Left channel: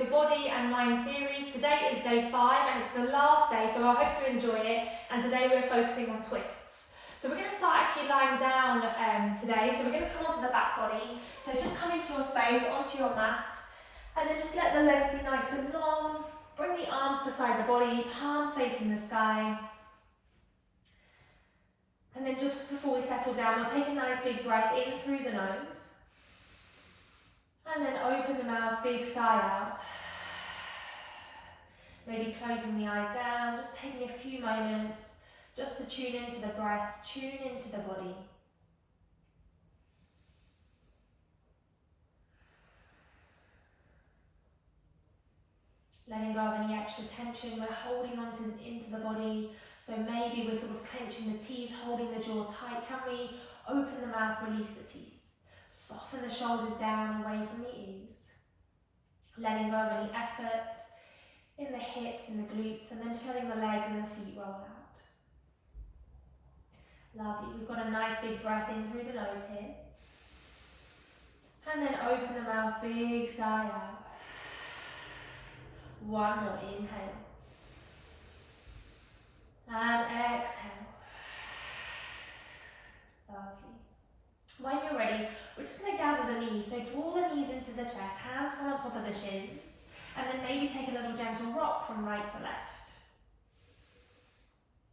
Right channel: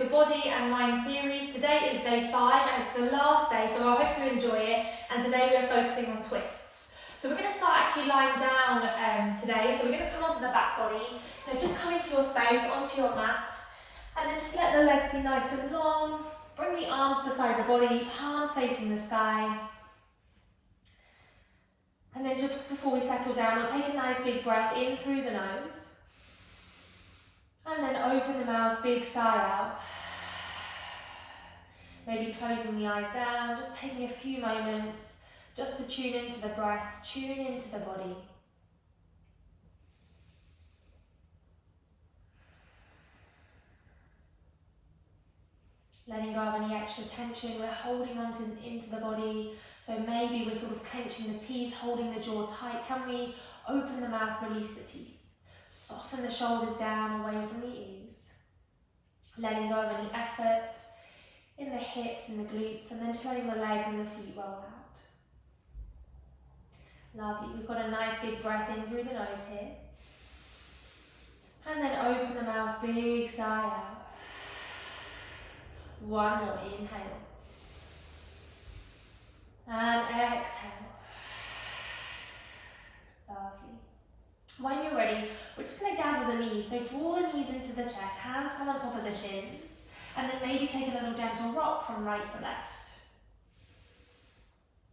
the body and mind series. Today is day 5 and it's the last day, so I hope you enjoy it. And today we're focusing on twists. So we're going to start actually lying down today. So we're going to come onto the back body. So just come into your space, onto your mat, and then just let the legs be nice and long. Bring the arms beside the body, palms facing the sky. And then just before we settle down, we'll take a nice big breath in through the nose. And then open the mouth, big sigh out. Maybe closing the eyes down, just taking a few moments just to tune into the breath, tune into the body. Letting go of any extra tension, we're holding on into the body. So maybe we're sort of clenching the teeth, holding the jaw tight. Can we open the mouth, release the teeth? Soften the shoulders down, away from the ears. Letting go of any effort in the hips and the glutes, and then just letting the legs and the feet roll out. Lovely, we've got a nice big breath in through the nose here. And then open the mouth, big sigh out. One more, inhale. And exhale. Lovely. When you're ready, we're just going to gather the knees. So draw the knees into the chest, hands come on top of the shins, and then maybe take a little gentle rock from right to left.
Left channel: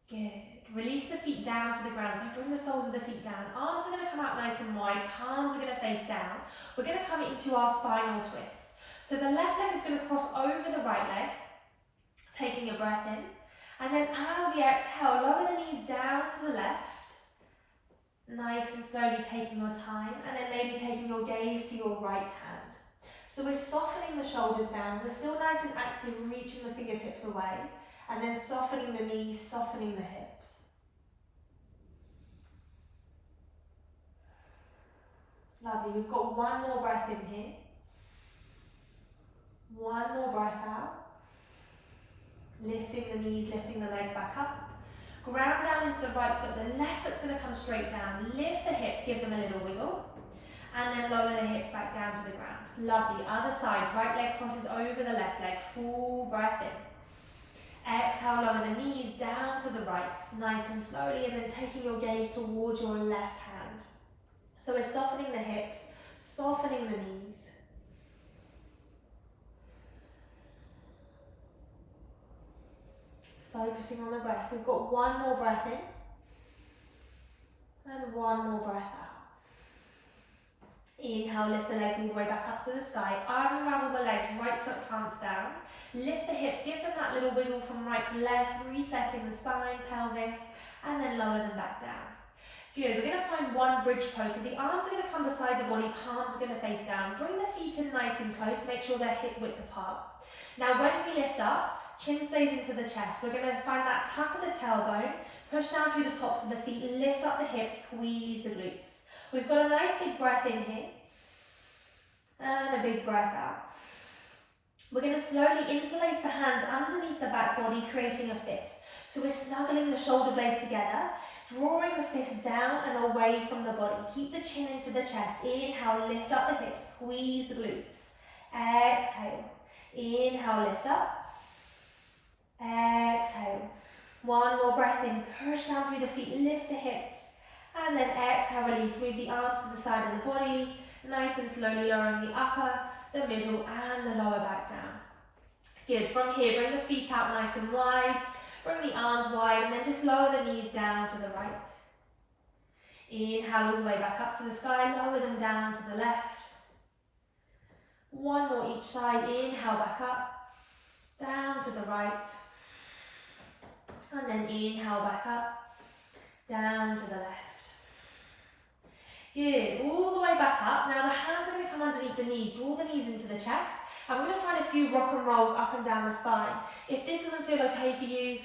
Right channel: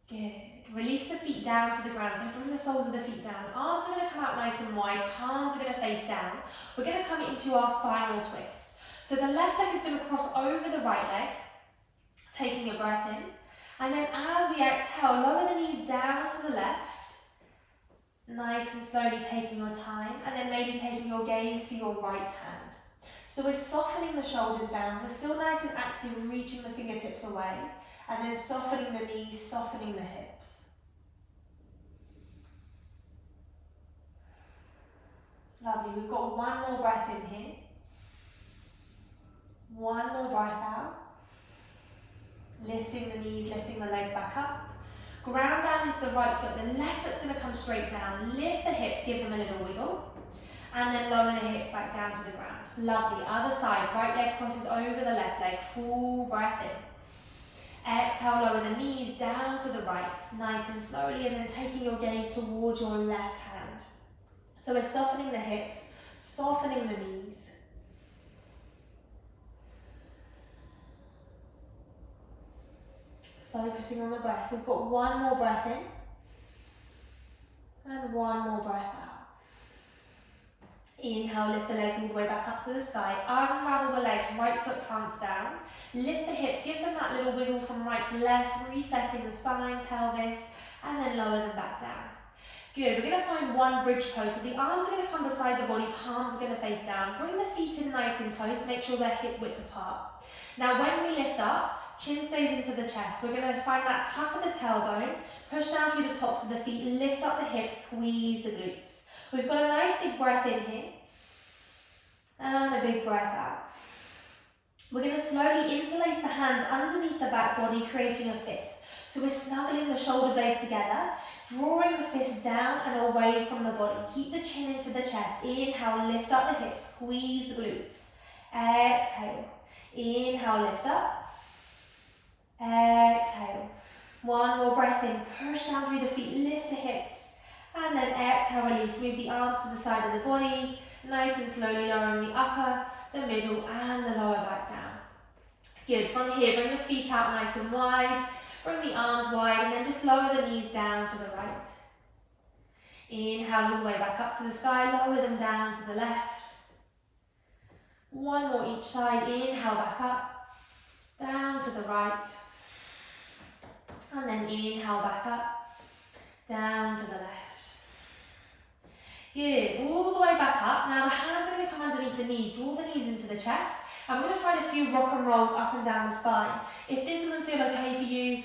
Good. Release the feet down to the ground, so bring the soles of the feet down. Arms are going to come out nice and wide, palms are going to face down. We're going to come into our spinal twist. So the left leg is going to cross over the right leg, taking a breath in. And then as we exhale, lower the knees down to the left. Nice and slowly taking your time, and then maybe taking your gaze to your right hand. So we're softening the shoulders down, we're still nice and active, reaching the fingertips away, and then softening the knees, softening the hips. Lovely, we've got one more breath in here. One more breath out. Lifting the knees, lifting the legs back up. Ground down into the right foot, the left foot's going to come straight down. Lift the hips, give them a little wiggle. And then lower the hips back down to the ground. Lovely, other side, right leg crosses over the left leg, full breath in. Exhale, lower the knees down to the right, nice and slowly, and then taking your gaze towards your left hand. So we're softening the hips, softening the knees. Focusing on the breath. We've got one more breath in and one more breath out. Inhale, lift the legs all the way back up to the sky. Unravel the legs, right foot plants down. Lift the hips, give them that little wiggle from right to left, resetting the spine, pelvis, and then lower them back down. Good, we're going to find one bridge pose. So the arms are going to come beside the body, palms are going to face down. Bring the feet in nice and close, make sure they're hip width apart. Now when we lift up, chin stays into the chest. We're going to find that tuck of the tailbone, push down through the tops of the feet, lift up the hips, squeeze the glutes. We've got a nice big breath in here, and a big breath out. We're going to slowly interlace the hands underneath the back body, creating a fist. So we're snuggling the shoulder blades together, drawing the fist down and away from the body. Keep the chin into the chest. Inhale, lift up the hips, squeeze the glutes. Exhale. Inhale, lift up. Exhale. One more breath in, push down through the feet, lift the hips, and then exhale, release. Move the arms to the side of the body, nice and slowly lowering the upper, the middle, and the lower back down. Good. From here, bring the feet out nice and wide, bring the arms wide, and then just lower the knees down to the right. Inhale all the way back up to the sky, lower them down to the left. One more each side. Inhale back up, down to the right. And then inhale back up, down to the left. Good, all the way back up. Now the hands are going to come underneath the knees, draw the knees into the chest. And we're going to find a few rock and rolls up and down the spine. If this doesn't feel okay for you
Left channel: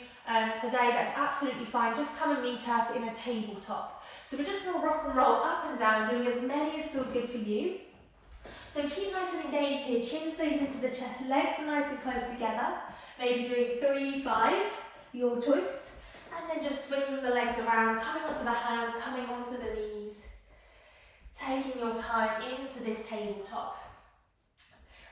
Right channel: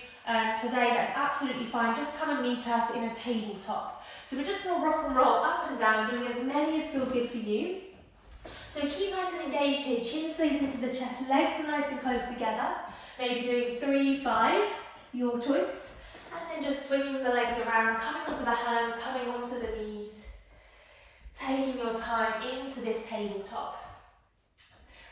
today, that's absolutely fine. Just come and meet us in a tabletop. So we're just going to rock and roll up and down, doing as many as feels good for you. So keep nice and engaged here, chin stays into the chest, legs are nice and close together. Maybe doing 3, 5. Your choice, and then just swinging the legs around, coming onto the hands, coming onto the knees, taking your time into this tabletop.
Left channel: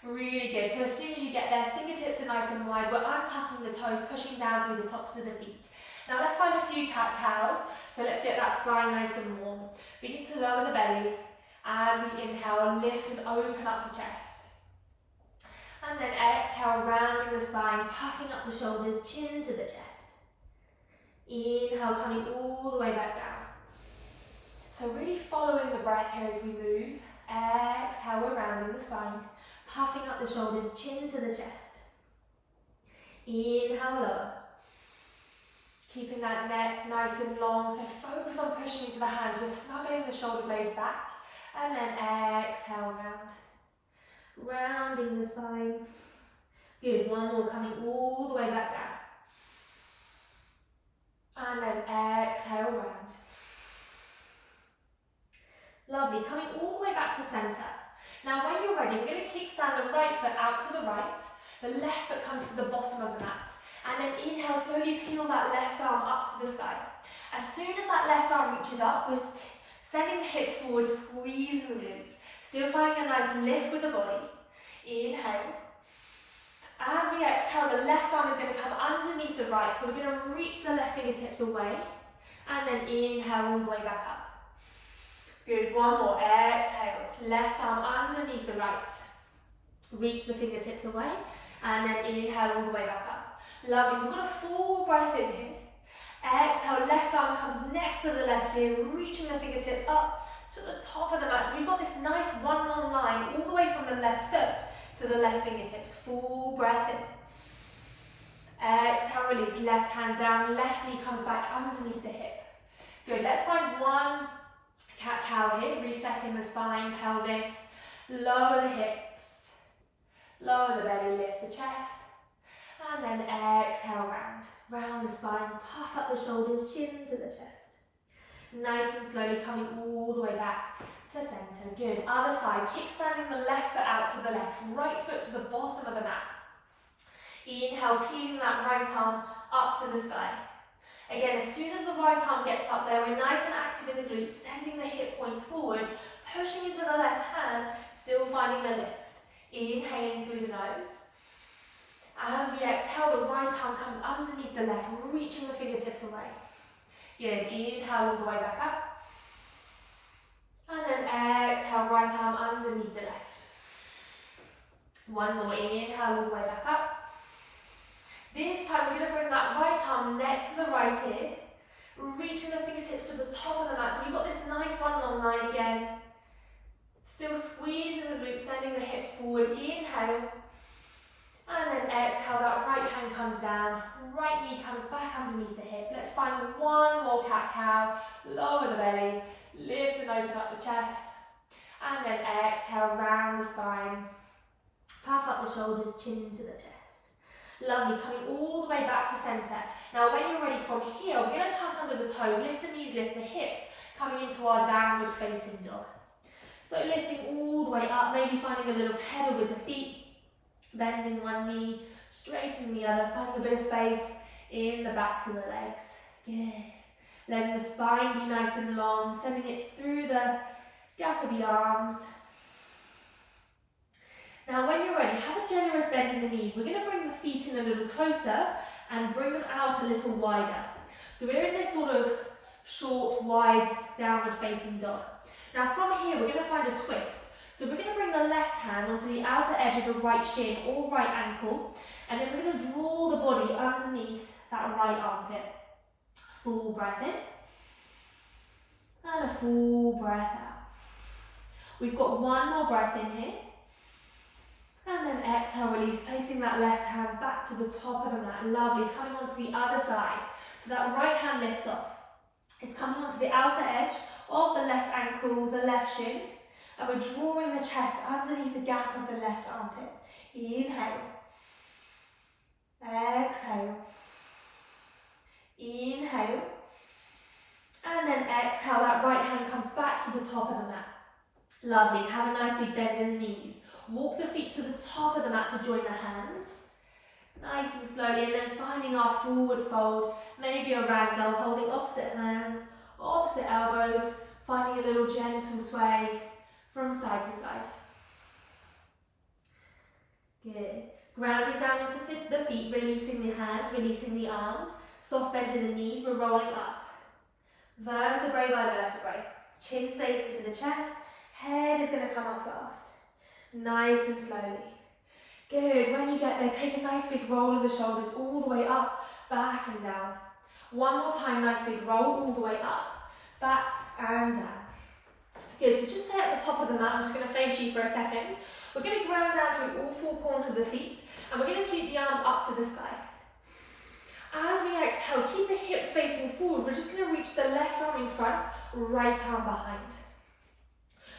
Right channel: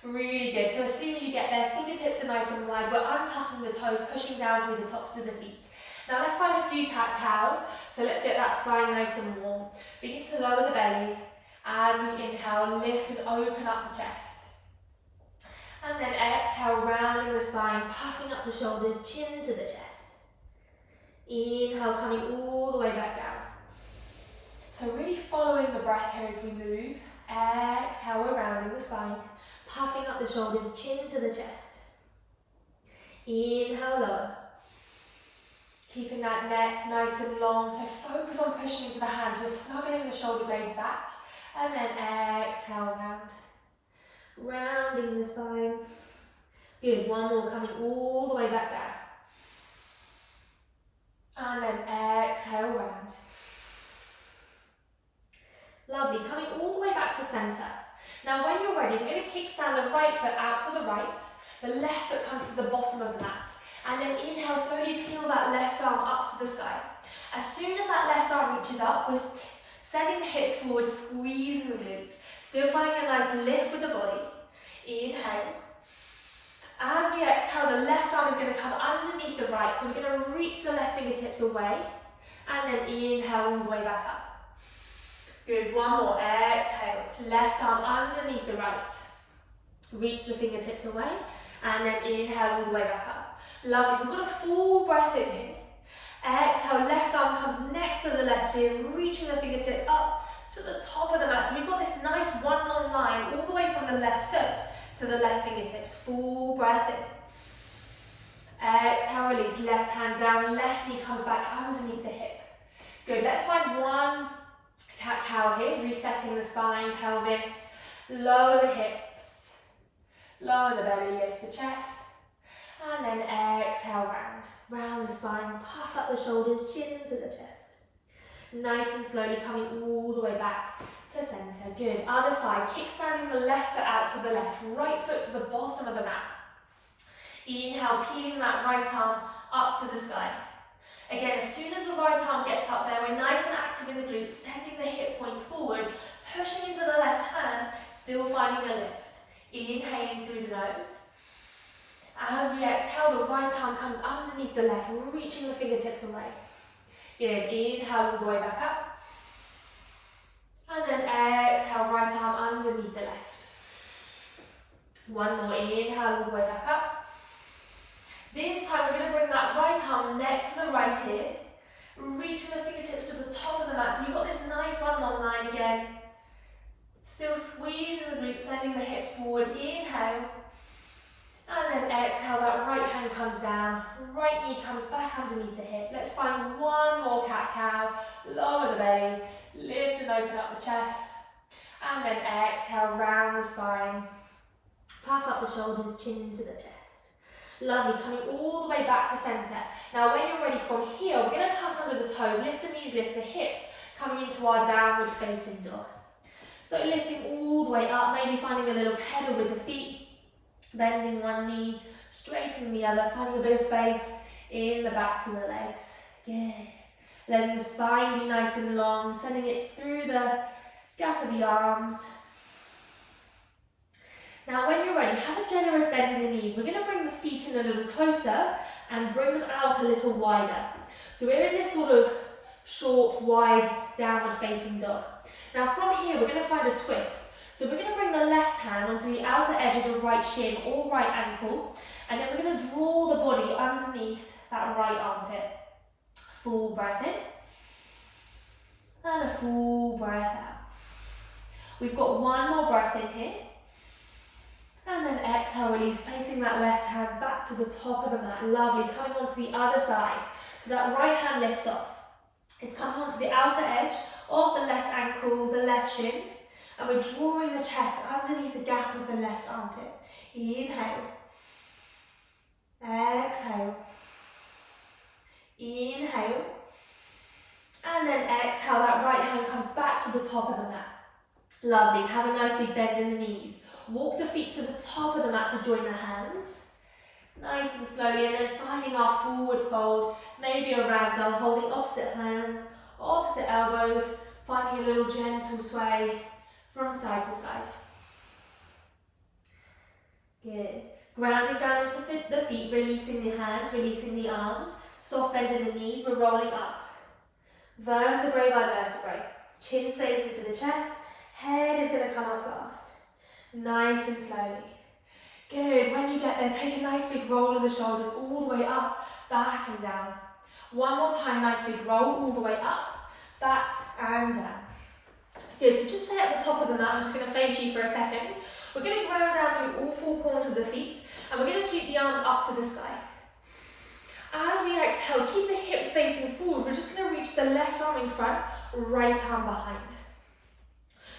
Really good. So as soon as you get there, fingertips are nice and wide. We're untucking the toes, pushing down through the tops of the feet. Now let's find a few cat-cows. So let's get that spine nice and warm. Begin to lower the belly. As we inhale, lift and open up the chest. And then exhale, rounding the spine, puffing up the shoulders, chin to the chest. Inhale, coming all the way back down. So really following the breath here as we move. Exhale, we're rounding the spine, puffing up the shoulders, chin to the chest. Inhale, lower. Keeping that neck nice and long, so focus on pushing into the hands. We're snuggling the shoulder blades back. And then exhale, round. Rounding the spine. Good, one more, coming all the way back down. And then exhale, round. Lovely, coming all the way back to centre. Now when you're ready, we're going to kickstand the right foot out to the right. The left foot comes to the bottom of the mat. And then inhale, slowly peel that left arm up to the sky. As soon as that left arm reaches up, we're sending the hips forward, squeezing the glutes. Still finding a nice lift with the body. Inhale. As we exhale, the left arm is going to come underneath the right. So we're going to reach the left fingertips away. And then inhale all the way back up. Good, one more. Exhale. Left arm underneath the right. Reach the fingertips away. And then inhale all the way back up. Lovely. We've got a full breath in here. Exhale, left arm comes next to the left here, reaching the fingertips up to the top of the mat. So we've got this nice one long line all the way from the left foot to the left fingertips. Full breath in. Exhale, release. Left hand down, left knee comes back underneath the hip. Good. Let's find one cat-cow here, resetting the spine, pelvis. Lower the hips. Lower the belly, lift the chest. And then exhale, round. Round the spine, puff up the shoulders, chin to the chest. Nice and slowly coming all the way back to centre. Good. Other side, kickstanding the left foot out to the left, right foot to the bottom of the mat. Inhale, peeling that right arm up to the sky. Again, as soon as the right arm gets up there, we're nice and active in the glutes, sending the hip points forward, pushing into the left hand, still finding a lift. Inhaling through the nose. As we exhale, the right arm comes underneath the left, reaching the fingertips away. Good. Inhale all the way back up. And then exhale, right arm underneath the left. One more. Inhale all the way back up. This time we're going to bring that right arm next to the right ear, reaching the fingertips to the top of the mat. So we've got this nice one long line again. Still squeezing the glutes, sending the hips forward. Inhale. And then exhale, that right hand comes down, right knee comes back underneath the hip. Let's find one more cat-cow. Lower the belly, lift and open up the chest. And then exhale, round the spine. Puff up the shoulders, chin to the chest. Lovely, coming all the way back to centre. Now when you're ready from here, we're going to tuck under the toes, lift the knees, lift the hips, coming into our downward facing dog. So lifting all the way up, maybe finding a little pedal with the feet. Bending one knee, straightening the other, finding a bit of space in the backs of the legs. Good. Letting the spine be nice and long, sending it through the gap of the arms. Now when you're ready, have a generous bend in the knees. We're going to bring the feet in a little closer and bring them out a little wider. So we're in this sort of short, wide, downward facing dog. Now from here, we're going to find a twist. So we're going to bring the left hand onto the outer edge of the right shin or right ankle, and then we're going to draw the body underneath that right armpit. Full breath in, and a full breath out. We've got one more breath in here, and then exhale, release, placing that left hand back to the top of the mat. Lovely, coming onto the other side. So that right hand lifts off. It's coming onto the outer edge of the left ankle, the left shin, and we're drawing the chest underneath the gap of the left armpit. Inhale. Exhale. Inhale. And then exhale, that right hand comes back to the top of the mat. Lovely, have a nice big bend in the knees. Walk the feet to the top of the mat to join the hands. Nice and slowly, and then finding our forward fold, maybe a ragdoll, holding opposite hands, opposite elbows, finding a little gentle sway from side to side. Good. Grounding down into the feet, releasing the hands, releasing the arms. Soft bend in the knees, we're rolling up. Vertebrae by vertebrae. Chin stays into the chest, head is going to come up last. Nice and slowly. Good, when you get there, take a nice big roll of the shoulders all the way up, back and down. One more time, nice big roll all the way up, back and down. Good, so just stay at the top of the mat, I'm just going to face you for a second. We're going to ground down through all four corners of the feet, and we're going to sweep the arms up to the sky. As we exhale, keep the hips facing forward. We're just going to reach the left arm in front, right arm behind.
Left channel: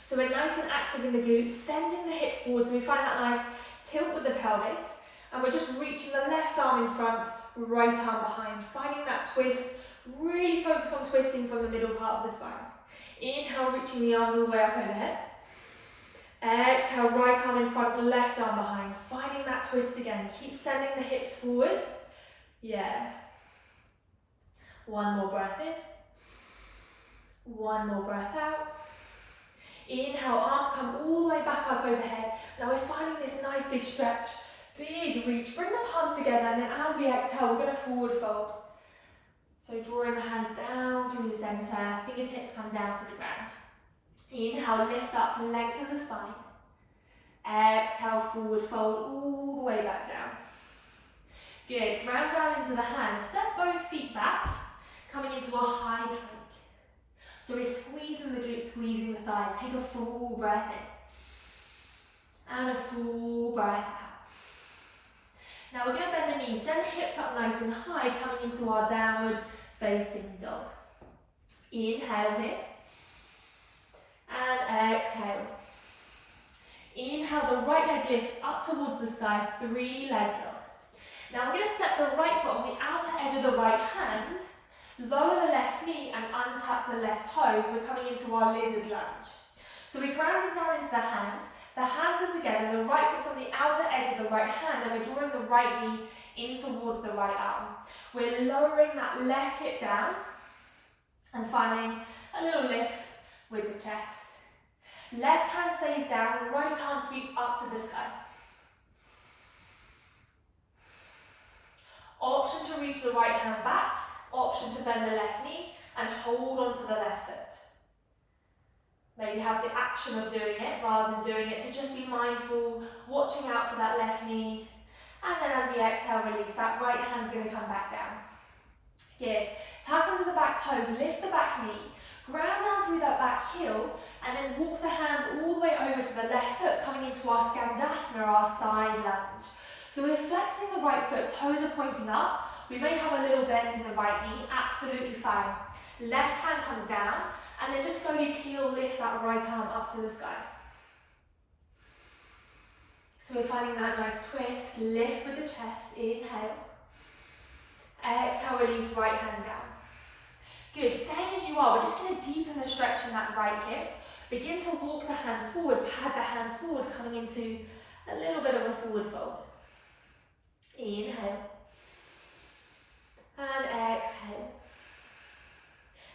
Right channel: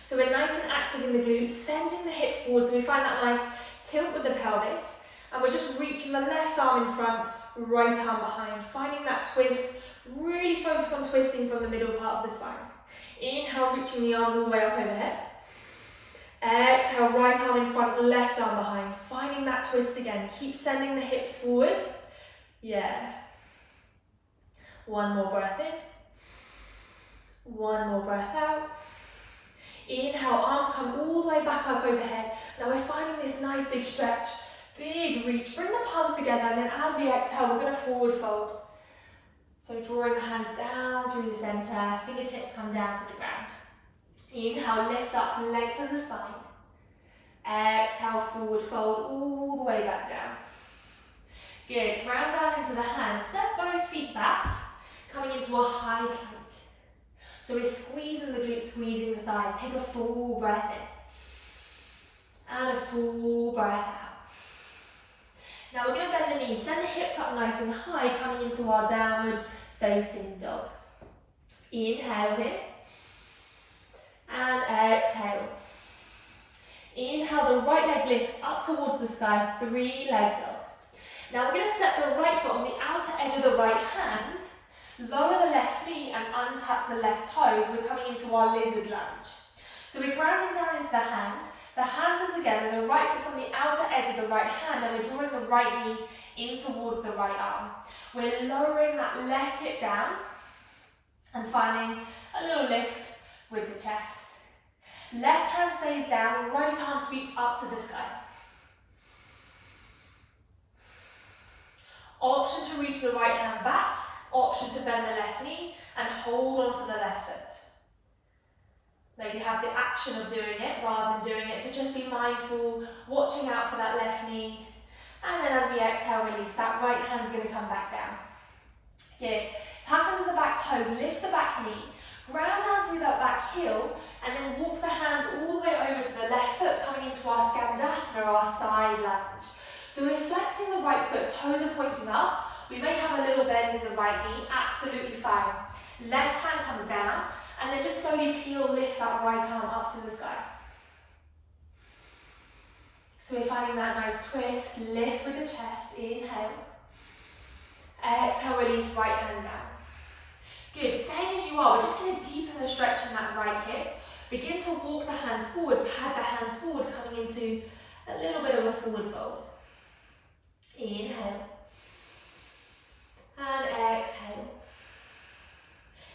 So we're nice and active in the glutes, sending the hips forward so we find that nice tilt with the pelvis. And we're just reaching the left arm in front, right arm behind, finding that twist. Really focus on twisting from the middle part of the spine. Inhale, reaching the arms all the way up overhead. Exhale, right arm in front, left arm behind, finding that twist again. Keep sending the hips forward. Yeah. One more breath in. One more breath out. Inhale, arms come all the way back up overhead. Now we're finding this nice big stretch, big reach. Bring the palms together, and then as we exhale, we're going to forward fold. So drawing the hands down through the center, fingertips come down to the ground. Inhale, lift up, lengthen the spine. Exhale, forward fold all the way back down. Good, round down into the hands, step both feet back, coming into a high plank. So we're squeezing the glutes, squeezing the thighs. Take a full breath in. And a full breath out. Now we're going to bend the knees, send the hips up nice and high, coming into our downward facing dog. Inhale here. And exhale. Inhale, the right leg lifts up towards the sky, three-leg dog. Now we're going to set the right foot on the outer edge of the right hand, lower the left knee and untap the left toes. We're coming into our lizard lunge. So we're grounding down into the hands are together, the right foot's on the outer edge of the right hand, and we're drawing the right knee in towards the right arm. We're lowering that left hip down and finding a little lift with the chest. Left hand stays down, right arm sweeps up to the sky. Option to reach the right hand back, option to bend the left knee and hold on to the left foot. Maybe have the action of doing it rather than doing it, so just be mindful, watching out for that left knee. And then as we exhale, release, that right hand's going to come back down. Good. Tuck under the back toes, lift the back knee, ground down through that back heel, and then walk the hands all the way over to the left foot, coming into our Skandasana, our side lunge. So we're flexing the right foot, toes are pointing up. We may have a little bend in the right knee, absolutely fine. Left hand comes down, and then just slowly peel, lift that right arm up to the sky. So we're finding that nice twist, lift with the chest, inhale. Exhale, release, right hand down. Good, staying as you are, we're just going to deepen the stretch in that right hip. Begin to walk the hands forward, pad the hands forward, coming into a little bit of a forward fold. Inhale. And exhale.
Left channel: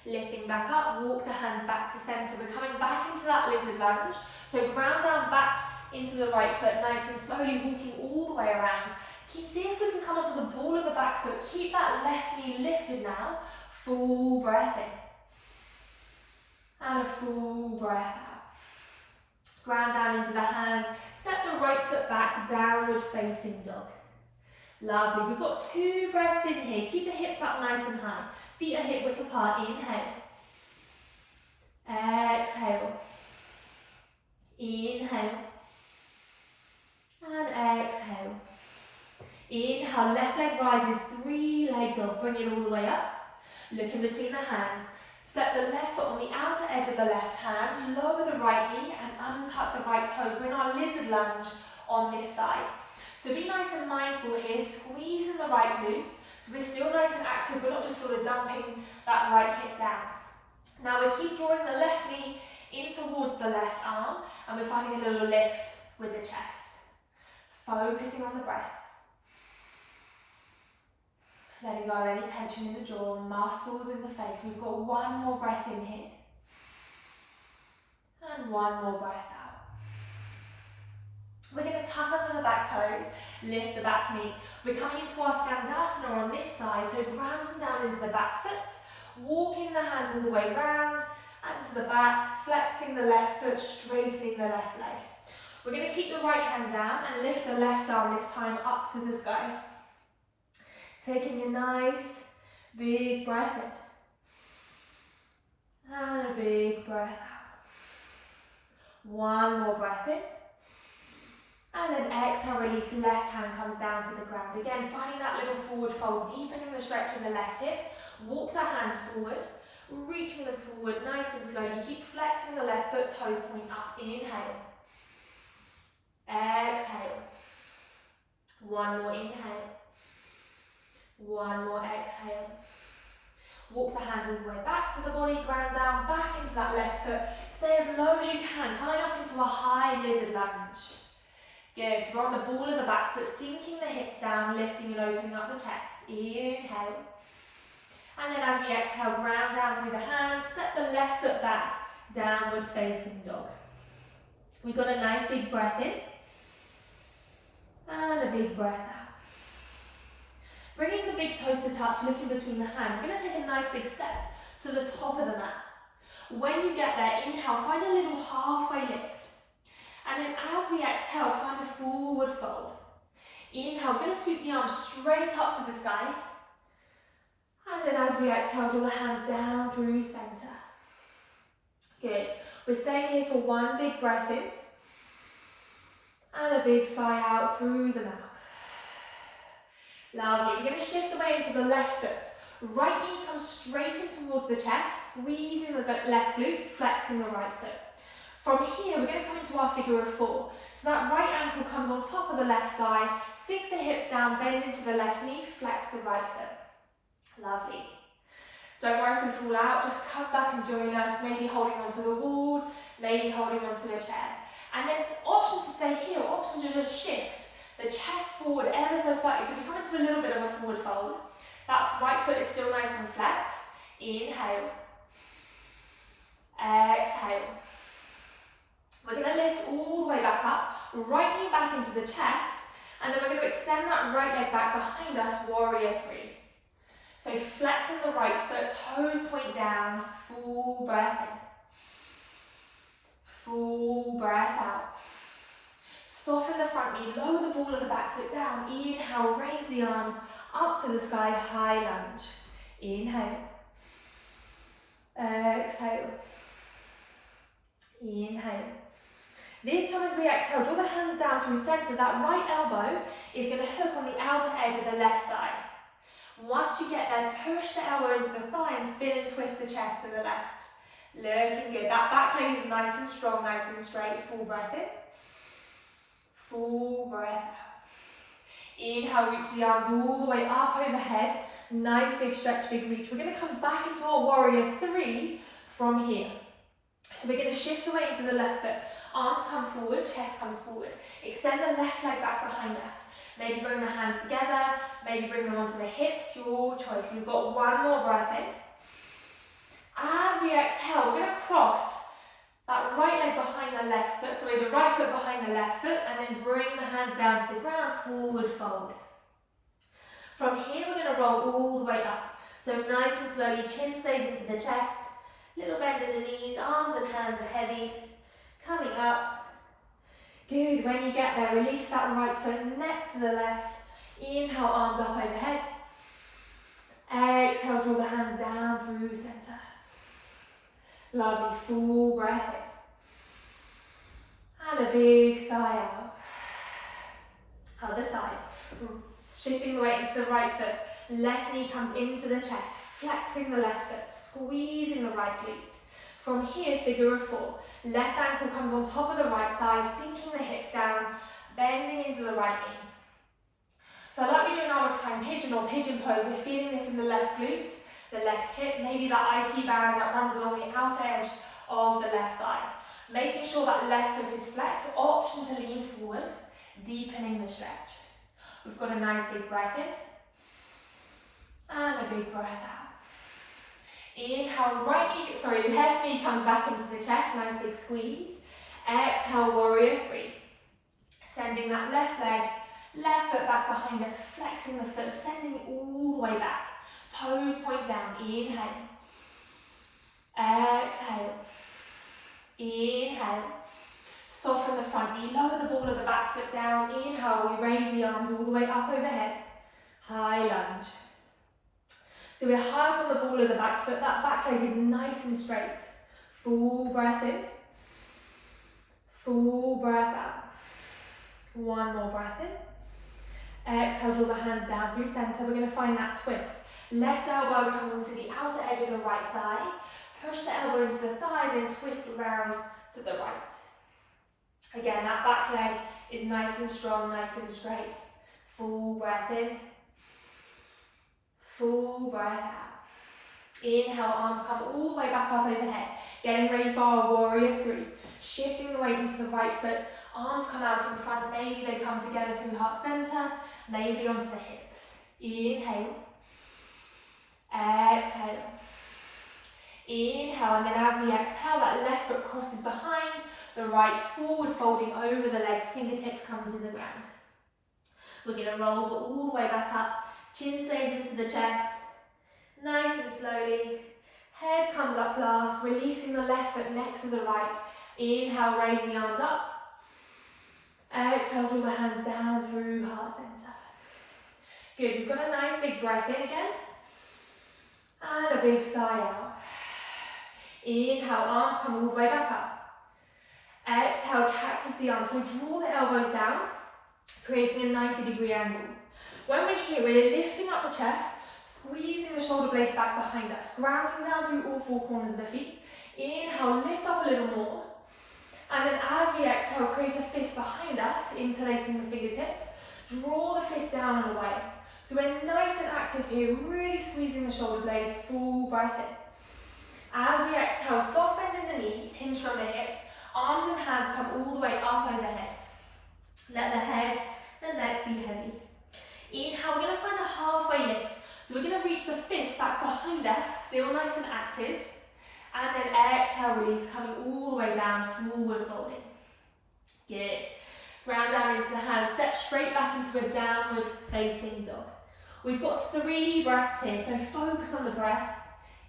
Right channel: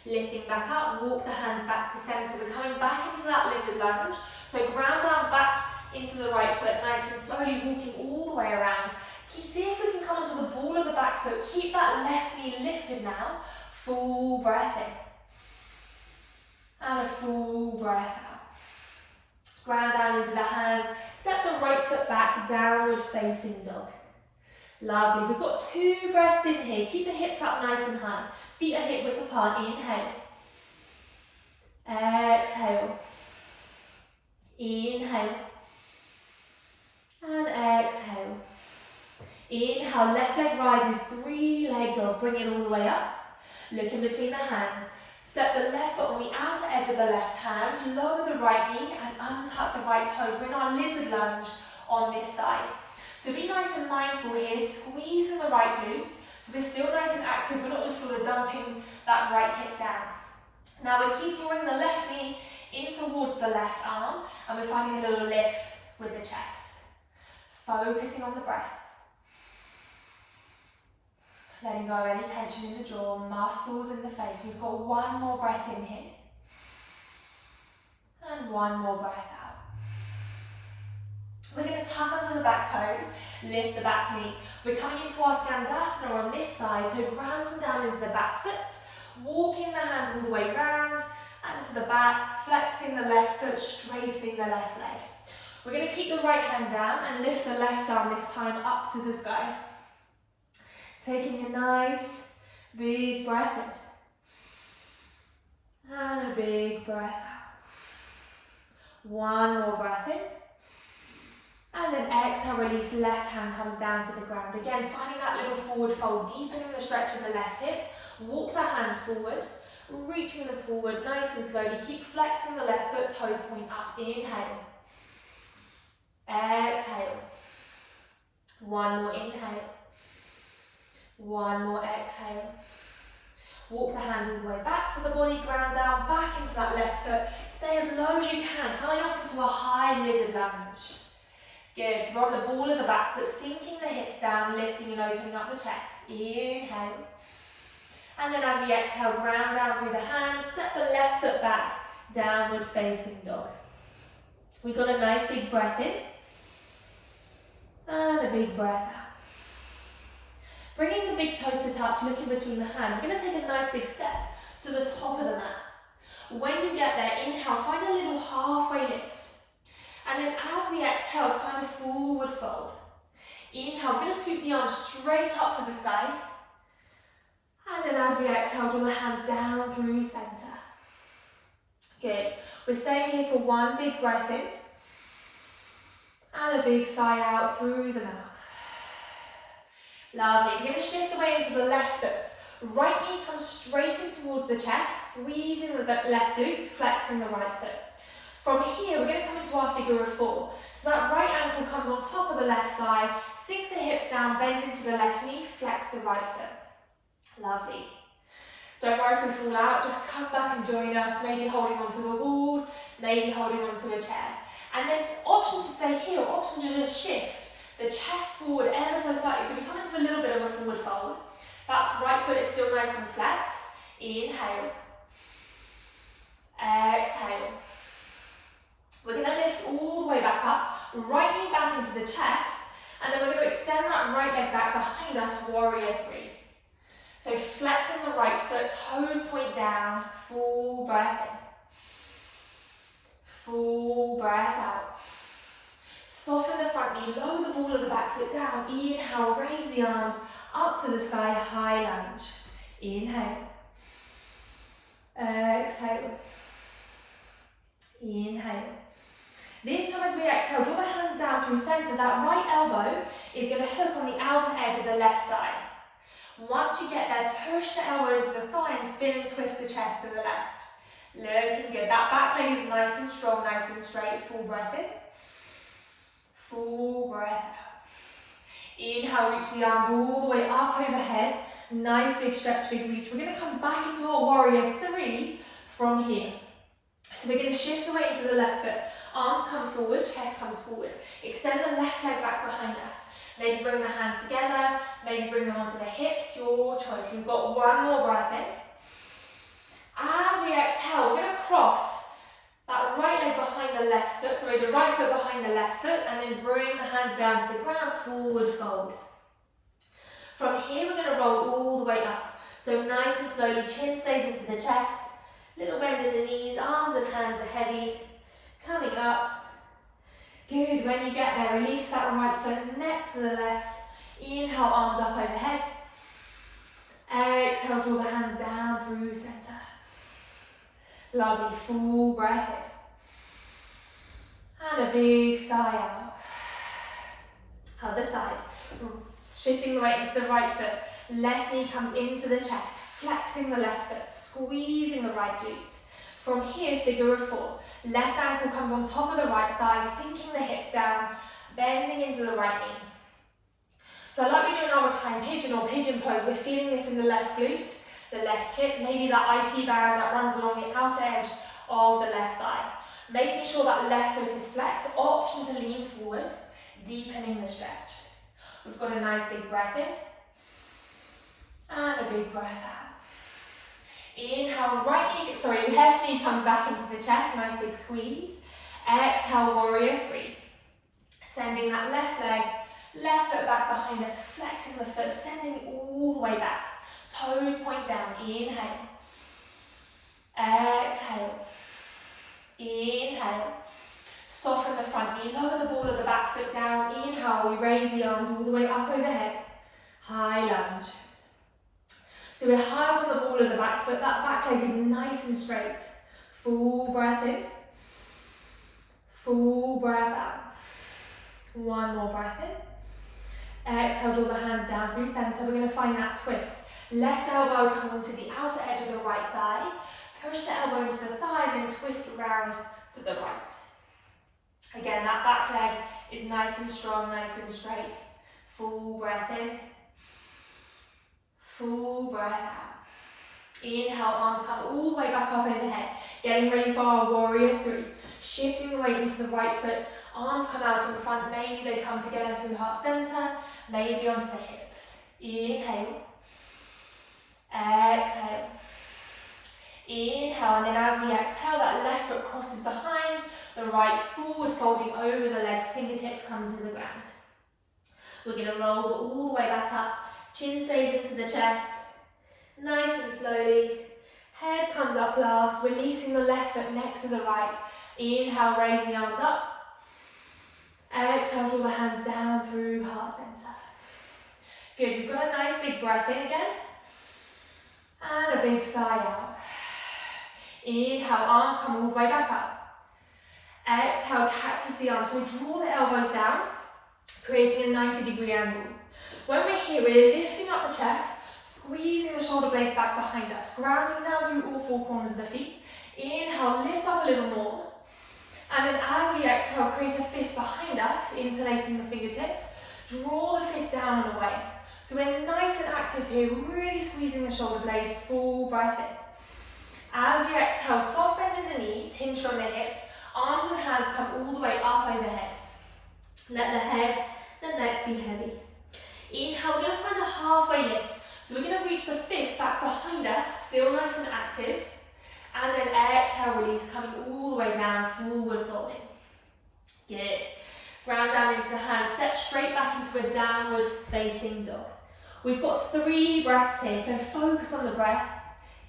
Lifting back up, walk the hands back to centre. We're coming back into that lizard lunge. So ground down back into the right foot, nice and slowly walking all the way around. See if we can come onto the ball of the back foot. Keep that left knee lifted now. Full breath in. And a full breath out. Ground down into the hands. Step the right foot back, downward facing dog. Lovely. We've got 2 breaths in here. Keep the hips up nice and high. Feet are hip width apart. Inhale. Exhale. Inhale. And exhale. Inhale, left leg rises, 3-leg dog. Bring it all the way up. Look in between the hands. Step the left foot on the outer edge of the left hand. Lower the right knee and untuck the right toes. We're in our lizard lunge on this side. So be nice and mindful here, squeezing the right glute. So we're still nice and active, we're not just sort of dumping that right hip down. Now we keep drawing the left knee in towards the left arm, and we're finding a little lift with the chest. Focusing on the breath. Letting go of any tension in the jaw, muscles in the face. We've got 1 more breath in here. And 1 more breath out. We're going to tuck under the back toes, lift the back knee. We're coming into our Skandasana on this side, so grounding down into the back foot, walking the hands all the way round and to the back, flexing the left foot, straightening the left leg. We're going to keep the right hand down and lift the left arm this time up to the sky. Taking a nice big breath in and a big breath out. One more breath in. And then exhale, release, left hand comes down to the ground. Again, finding that little forward fold, deepening the stretch in the left hip. Walk the hands forward, reaching them forward nice and slowly. Keep flexing the left foot, toes point up. Inhale. Exhale. One more inhale. One more exhale. Walk the hands all the way back to the body, ground down, back into that left foot. Stay as low as you can, coming up into a high lizard lunge. Good, so we're on the ball of the back foot, sinking the hips down, lifting and opening up the chest. Inhale. And then as we exhale, ground down through the hands, step the left foot back, downward facing dog. We've got a nice big breath in, and a big breath out. Bringing the big toes to touch, looking between the hands. We're going to take a nice big step to the top of the mat. When you get there, inhale, find a little halfway lift. And then as we exhale, find a forward fold. Inhale, we're going to sweep the arms straight up to the sky. And then as we exhale, draw the hands down through center. Good. We're staying here for one big breath in. And a big sigh out through the mouth. Lovely. We're going to shift the weight into the left foot. Right knee comes straight in towards the chest, squeezing the left glute, flexing the right foot. From here, we're going to come into our figure of four. So that right ankle comes on top of the left thigh, sink the hips down, bend into the left knee, flex the right foot. Lovely. Don't worry if we fall out, just come back and join us, maybe holding onto the wall, maybe holding onto a chair. And there's options to stay here, options to just shift the chest forward ever so slightly. So we come into a little bit of a forward fold. That right foot is still nice and flexed. Inhale. Exhale. We're going to lift all the way back up, right knee back into the chest, and then we're going to extend that right leg back behind us, warrior three. So flexing the right foot, toes point down, full breath in. Full breath out. Soften the front knee, lower the ball of the back foot down. Inhale, raise the arms up to the sky, high lunge. Inhale. Exhale. Inhale. This time as we exhale, draw the hands down through center. That right elbow is going to hook on the outer edge of the left thigh. Once you get there, push the elbow into the thigh and spin and twist the chest in the left. Looking good. That back leg is nice and strong, nice and straight. Full breath in. Full breath out. Inhale, reach the arms all the way up overhead. Nice big stretch, big reach. We're going to come back into our warrior three from here. So we're going to shift the weight into the left foot. Arms come forward, chest comes forward. Extend the left leg back behind us. Maybe bring the hands together, maybe bring them onto the hips, your choice. We've got one more breath in. As we exhale, we're going to cross that right leg behind the left foot, the right foot behind the left foot, and then bring the hands down to the ground, forward fold. From here, we're going to roll all the way up. So nice and slowly, chin stays into the chest, little bend in the knees, arms and hands are heavy, coming up. Good, when you get there, release that right foot next to the left. Inhale, arms up overhead. Exhale, draw the hands down through center. Lovely, full breath in. And a big sigh out. Other side. Shifting the weight into the right foot. Left knee comes into the chest, flexing the left foot, squeezing the right glute. From here, figure of four. Left ankle comes on top of the right thigh, sinking the hips down, bending into the right knee. So like we do in our reclined pigeon or pigeon pose, we're feeling this in the left glute, the left hip, maybe that IT band that runs along the outer edge of the left thigh. Making sure that left foot is flexed, option to lean forward, deepening the stretch. We've got a nice big breath in, and a big breath out. Inhale, left knee comes back into the chest, nice big squeeze. Exhale, warrior three. Sending that left leg, left foot back behind us, flexing the foot, sending it all the way back. Toes point down, inhale. Exhale. Inhale. Soften the front knee, lower the ball of the back foot down. Inhale, we raise the arms all the way up overhead. High lunge. So we're high up on the ball of the back foot, that back leg is nice and straight. Full breath in. Full breath out. One more breath in. Exhale, draw the hands down through centre. We're going to find that twist. Left elbow comes onto the outer edge of the right thigh. Push the elbow into the thigh and then twist around to the right. Again, that back leg is nice and strong, nice and straight. Full breath in. Full breath out. Inhale, arms come all the way back up overhead. Getting ready for our warrior three. Shifting the weight into the right foot. Arms come out in front. Maybe they come together through heart center. Maybe onto the hips. Inhale. Exhale. Inhale, and then as we exhale, that left foot crosses behind, the right forward, folding over the legs, fingertips come to the ground. We're going to roll all the way back up, chin stays into the chest, nice and slowly. Head comes up last, releasing the left foot next to the right. Inhale, raising the arms up. Exhale, draw the hands down through heart center. Good, we've got a nice big breath in again. And a big sigh out. Inhale, arms come all the way back up. Exhale, cactus the arms. So draw the elbows down, creating a 90-degree angle. When we're here, we're lifting up the chest, squeezing the shoulder blades back behind us, grounding down through all four corners of the feet. Inhale, lift up a little more. And then as we exhale, create a fist behind us, interlacing the fingertips. Draw the fist down and away. So we're nice and active here, really squeezing the shoulder blades, full breath in. As we exhale, soft bend in the knees, hinge from the hips, arms and hands come all the way up overhead. Let the head, the neck be heavy. Inhale, we're going to find a halfway lift. So we're going to reach the fist back behind us, still nice and active. And then exhale, release, coming all the way down, forward folding. Good. Ground down into the hands, step straight back into a downward facing dog. We've got 3 breaths here, so focus on the breath.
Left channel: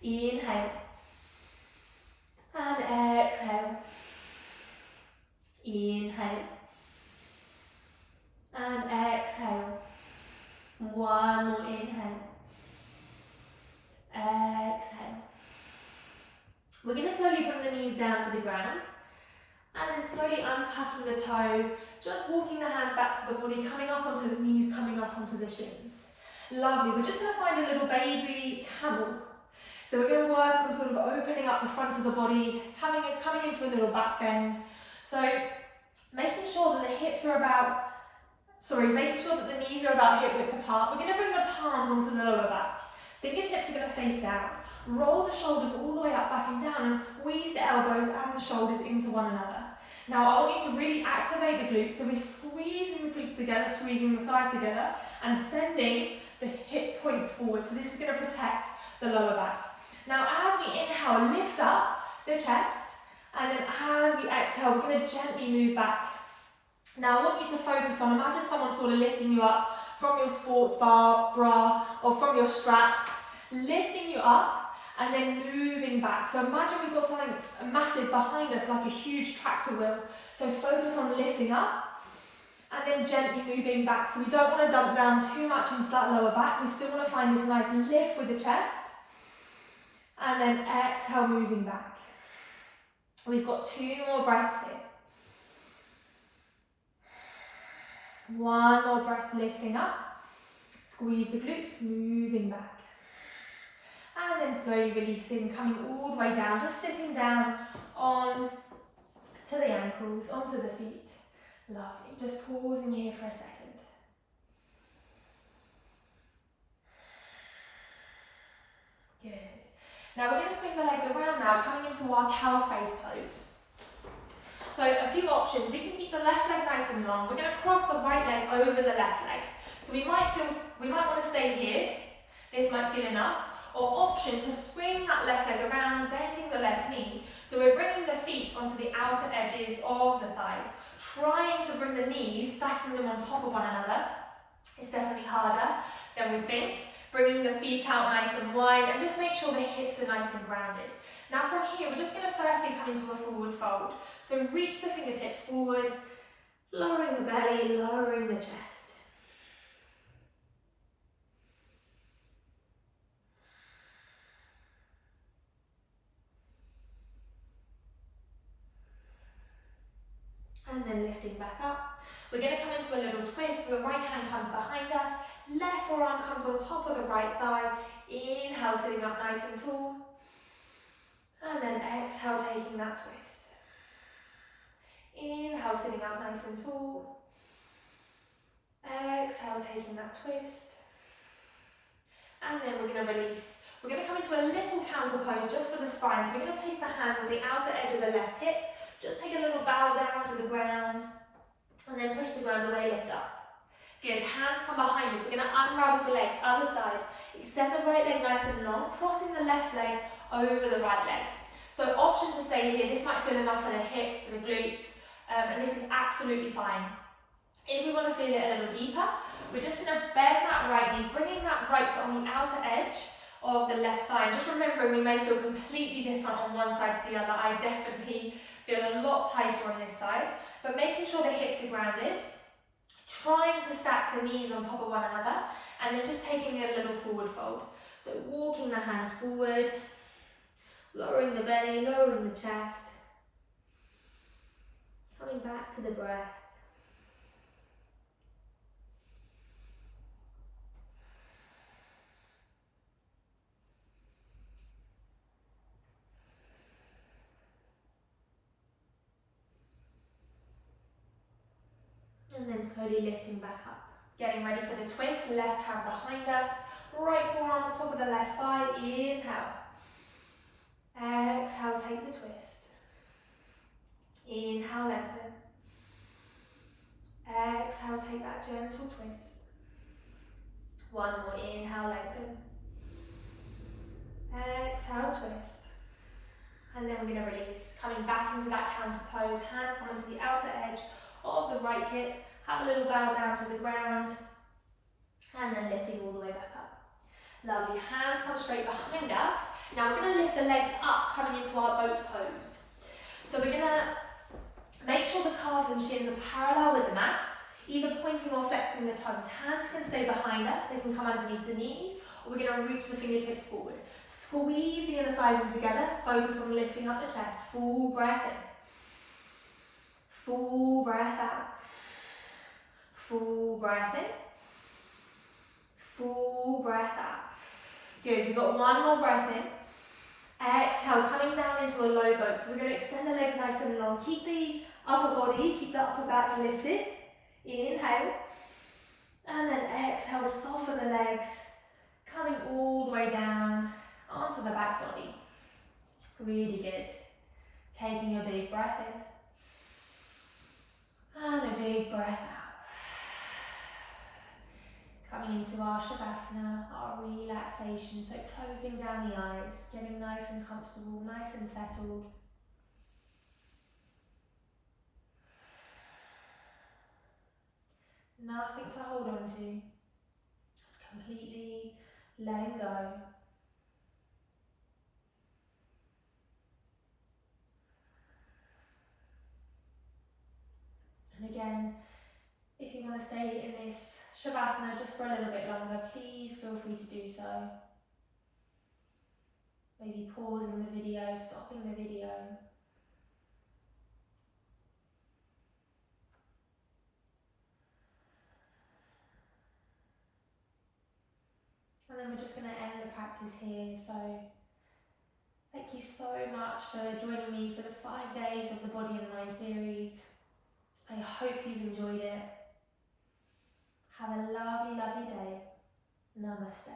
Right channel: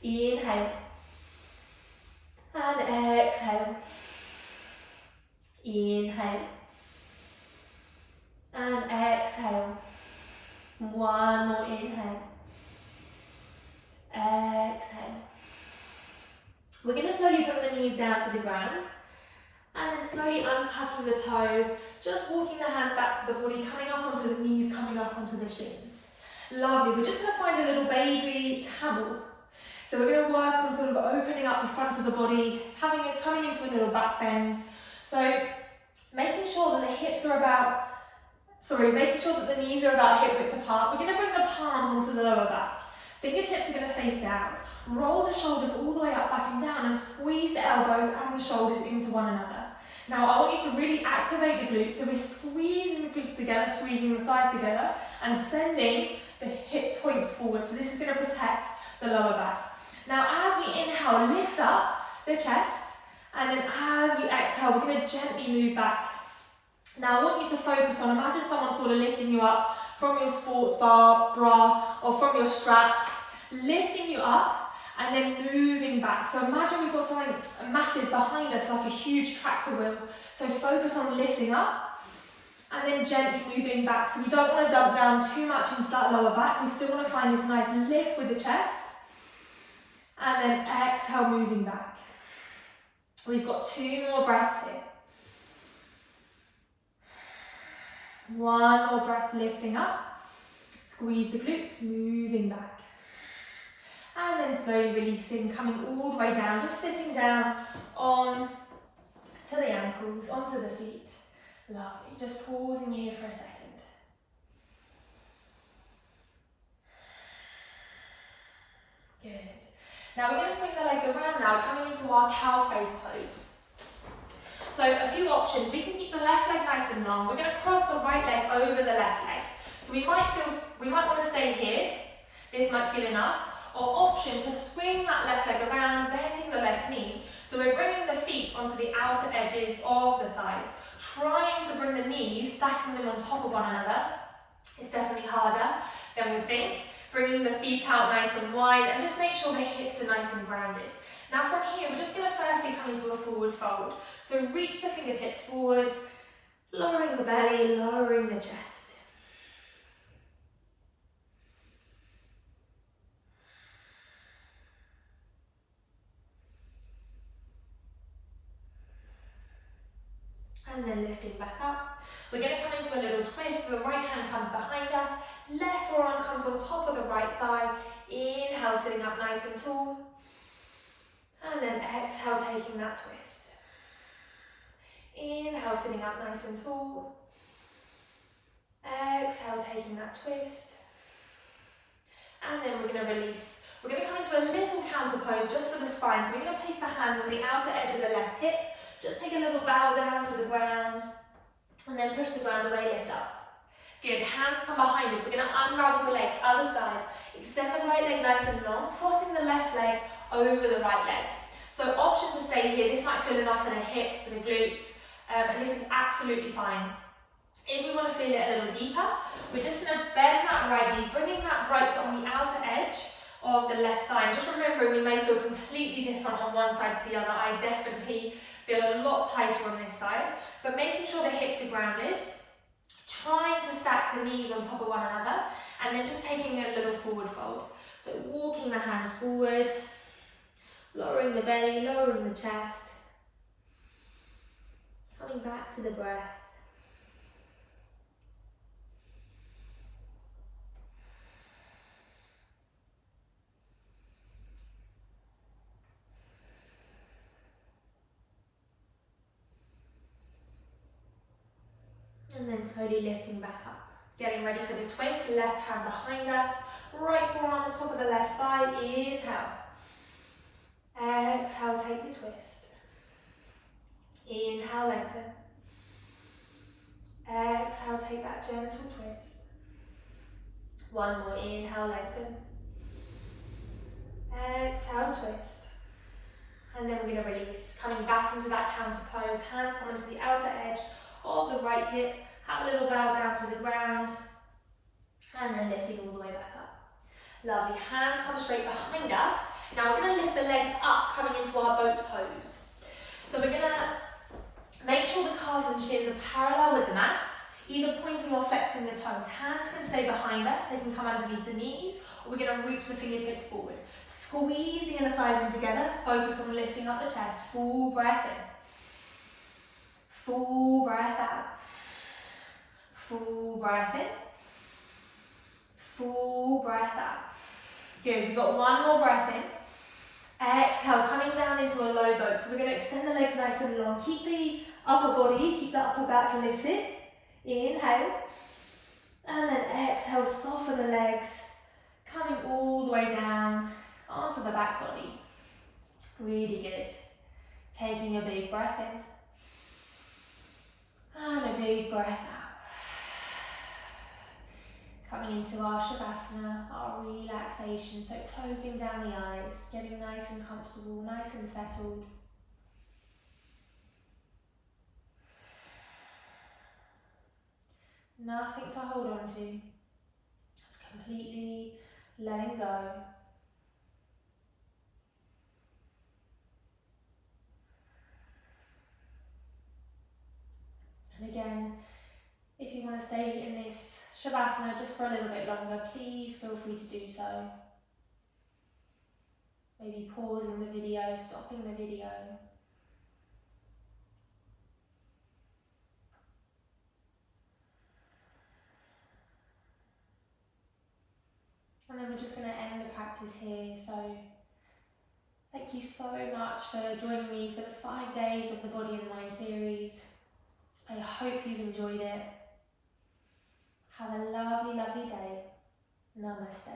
Inhale. And exhale. Inhale. And exhale. One more inhale. Exhale. We're going to slowly bring the knees down to the ground. And then slowly untucking the toes, just walking the hands back to the body, coming up onto the knees, coming up onto the shins. Lovely. We're just going to find a little baby camel. So we're going to work on sort of opening up the front of the body, coming into a little back bend. So making sure that the hips are making sure that the knees are about hip width apart. We're going to bring the palms onto the lower back. Fingertips are going to face down. Roll the shoulders all the way up, back and down, and squeeze the elbows and the shoulders into one another. Now I want you to really activate the glutes, so we're squeezing the glutes together, squeezing the thighs together, and sending the hip points forward. So this is going to protect the lower back. Now as we inhale, lift up the chest, and then as we exhale, we're going to gently move back. Now I want you to focus on, imagine someone sort of lifting you up from your sports bra, or from your straps, lifting you up, and then moving back. So imagine we've got something massive behind us, like a huge tractor wheel. So focus on lifting up, and then gently moving back. So we don't want to dump down too much into that lower back. We still want to find this nice lift with the chest. And then exhale, moving back. We've got 2 more breaths here. One more breath, lifting up. Squeeze the glutes, moving back. And then slowly releasing, coming all the way down, just sitting down on to the ankles, onto the feet. Lovely. Just pausing here for a second. Good. Now we're going to swing the legs around now, coming into our cow face pose. So a few options. We can keep the left leg nice and long. We're going to cross the right leg over the left leg. So we might want to stay here. This might feel enough. or option to swing that left leg around, bending the left knee. So we're bringing the feet onto the outer edges of the thighs, trying to bring the knees, stacking them on top of one another. It's definitely harder than we think. Bringing the feet out nice and wide, and just make sure the hips are nice and grounded. Now from here, we're just going to firstly come into a forward fold. So reach the fingertips forward, lowering the belly, lowering the chest. And then lifting back up. We're going to come into a little twist. The right hand comes behind us, left forearm comes on top of the right thigh. Inhale, sitting up nice and tall. And then exhale, taking that twist. Inhale, sitting up nice and tall. Exhale, taking that twist. And then we're going to release. We're going to come into a little counter pose just for the spine. So we're going to place the hands on the outer edge of the left hip. Just take a little bow down to the ground. And then push the ground away, lift up. Good, hands come behind us. We're going to unravel the legs, other side. Extend the right leg nice and long, crossing the left leg over the right leg. So option to stay here. This might feel enough for the hips, for the glutes, and this is absolutely fine. If we want to feel it a little deeper, we're just going to bend that right knee, bringing that right foot on the outer edge of the left thigh. And just remembering we may feel completely different on one side to the other. I definitely feel a lot tighter on this side, but making sure the hips are grounded, trying to stack the knees on top of one another, and then just taking a little forward fold. So walking the hands forward, lowering the belly, lowering the chest, coming back to the breath. And then slowly lifting back up. Getting ready for the twist, left hand behind us, right forearm on top of the left thigh, inhale. Exhale, take the twist. Inhale, lengthen. Exhale, take that gentle twist. One more, inhale, lengthen. Exhale, twist. And then we're going to release. Coming back into that counter pose, hands come onto the outer edge of the right hip. Have a little bow down to the ground. And then lifting all the way back up. Lovely, hands come straight behind us. Now we're going to lift the legs up, coming into our boat pose. So we're going to make sure the calves and shins are parallel with the mat, either pointing or flexing the toes. Hands can stay behind us, they can come underneath the knees, or we're going to reach the fingertips forward. Squeeze the inner thighs in together, focus on lifting up the chest. Full breath in. Full breath out. Full breath in. Full breath out. Good, we've got one more breath in. Exhale, coming down into a low boat. So we're going to extend the legs nice and long. Keep the upper body, keep the upper back lifted. Inhale. And then exhale, soften the legs. Coming all the way down onto the back body. Really good. Taking a big breath in. And a big breath out. Coming into our Shavasana, our relaxation, so closing down the eyes, getting nice and comfortable, nice and settled. Nothing to hold on to, completely letting go. And again, if you want to stay in this Shavasana just for a little bit longer, please feel free to do so. Maybe pausing the video, stopping the video. And then we're just going to end the practice here. So thank you so much for joining me for the 5 days of the Body and Mind series. I hope you've enjoyed it. Have a lovely, lovely day. Namaste.